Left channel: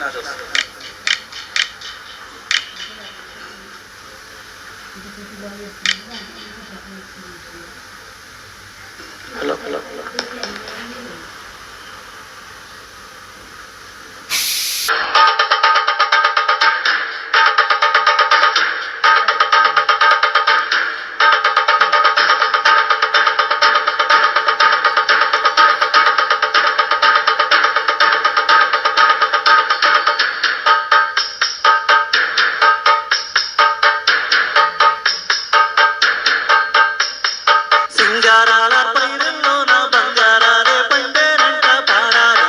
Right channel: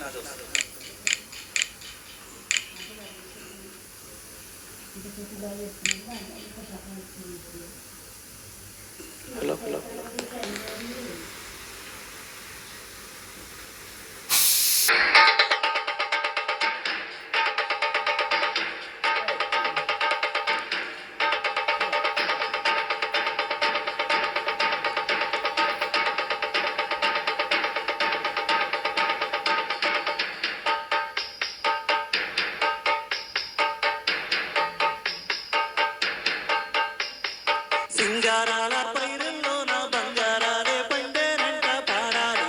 Hello hello సింగారాల పైరుల్లోన బంగారాలే పండేనంట పాడాలి,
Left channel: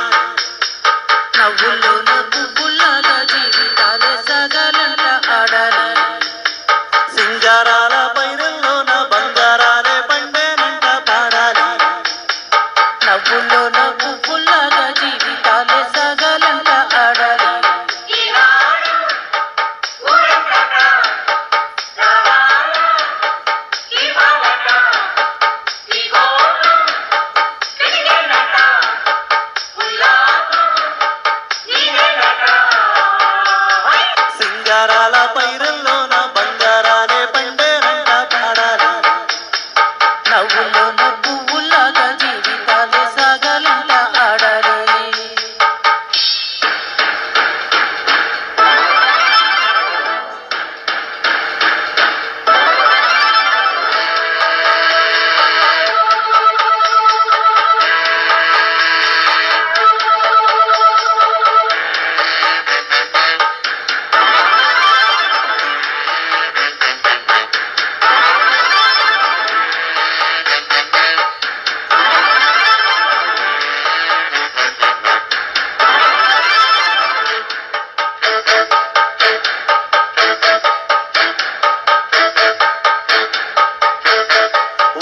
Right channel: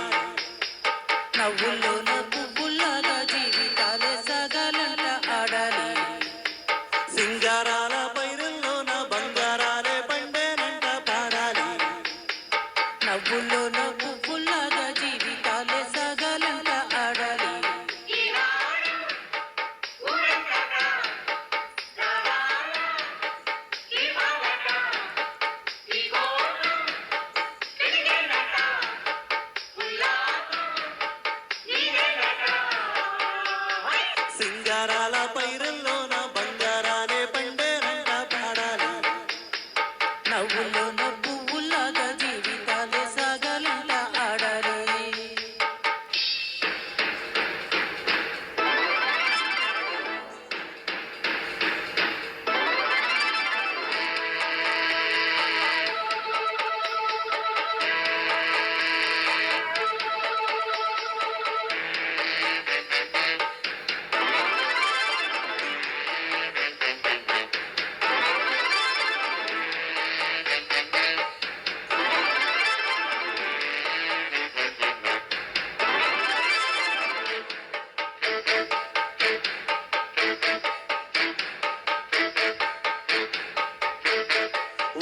నవ్వుల్లోన పువ్వుల్లాగా జీవితాలే సాగాలంట ఆడాలి. సింగారాల పైరుల్లోన బంగారాలే పండేనంట పాడాలి, నవ్వుల్లోన పువ్వుల్లాగా జీవితాలే సాగాలంట ఆడాలి. సింగారాల పైరుల్లోన బంగారాలే పండేనంట పాడాలి, నవ్వుల్లోన పువ్వుల్లాగా జీవితాలే సాగాలంట ఆడాలి.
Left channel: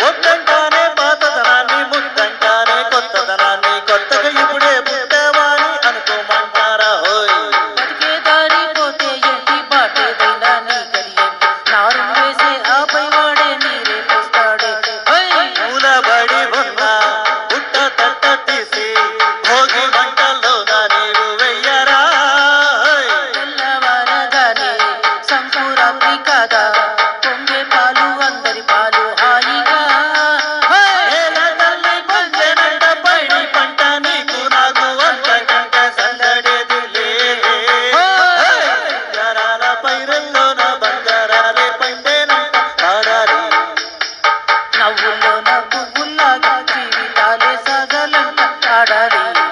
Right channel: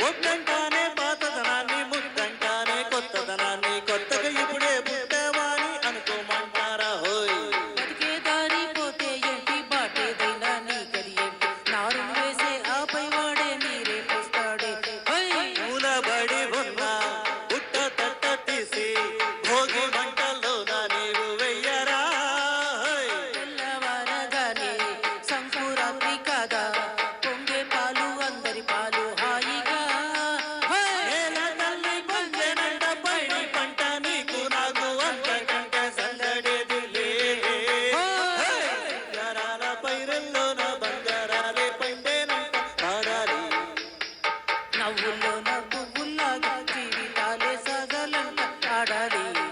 వద్దంటానే పాతదనాన్ని, ముద్దంటానే కొత్తదనాన్ని, కొత్తగా ఇప్పుడే పుట్టావాని అనుకోమంటారా హోయ్. బతికే దారి పోతే ఏంటి, బాటేదైనా నీ గడియేంటి, నారు వేసే ఆపై వాడే నీరే పోస్తాడే. మూలబడి ఉన్న పుట్ట తట్ట తీసి భోగి మంటల్లోన నీవు వెయ్యరా హోయ్. తెల్లవారగానే సంకురాత్రి కాదా, పొంగే పాలు అందరి పాలు హాయిగా. నేల తల్లి పంచెనంట పైడి పంట, నీకు నాకు అంతకంటే సందడేది లేదే. బంగారాల పైరుల్లోన బంగారాలే పండేనంట పాడాలి, నవ్వుల్లోన పువ్వుల్లాగా జీవితాలే సాగాలంట ఆడాలి.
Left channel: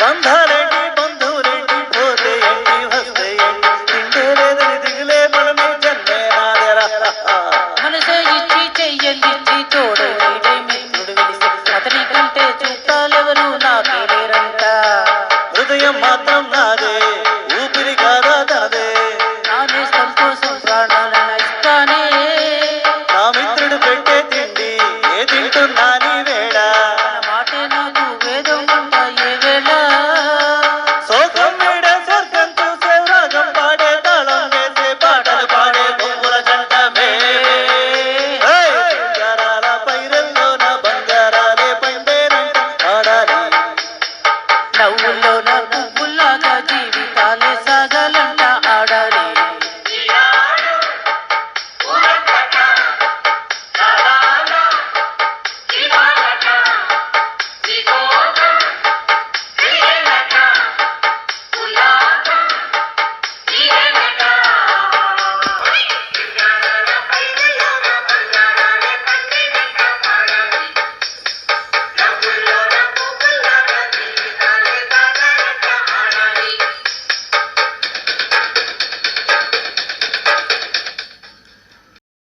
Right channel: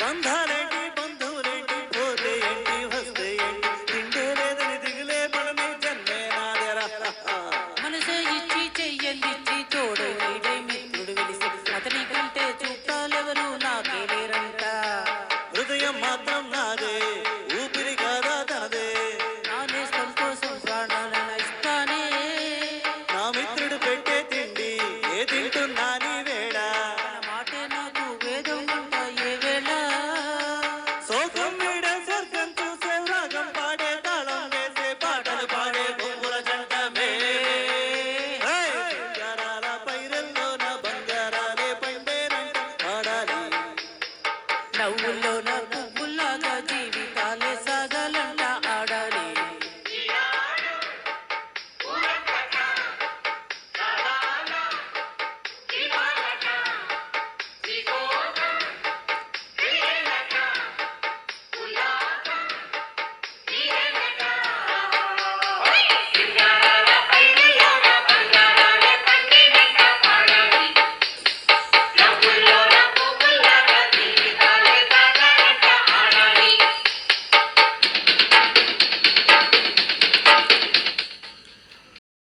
బంధాలేంటి బంధువులేంటి, పోతే ఏంటి వస్తే ఏంటి, తిండే లేదని దిగులే మనమే జన్మే నాదెరా. మనసే ఇచ్చి చెయ్యలిచ్చి తోడు నీడై మిత్రుడు వెలిసి, అతని కంటే చుట్టాలెవరు నాకే లేరంట. హృదయం మాత్రం నాదే, ఊపిరి కాదా తనదే, నానే సంతోషం ప్రాణాలను ఇస్తానే. నా మిత్రుడు పెట్టే తిండి ఏ తింటున్నా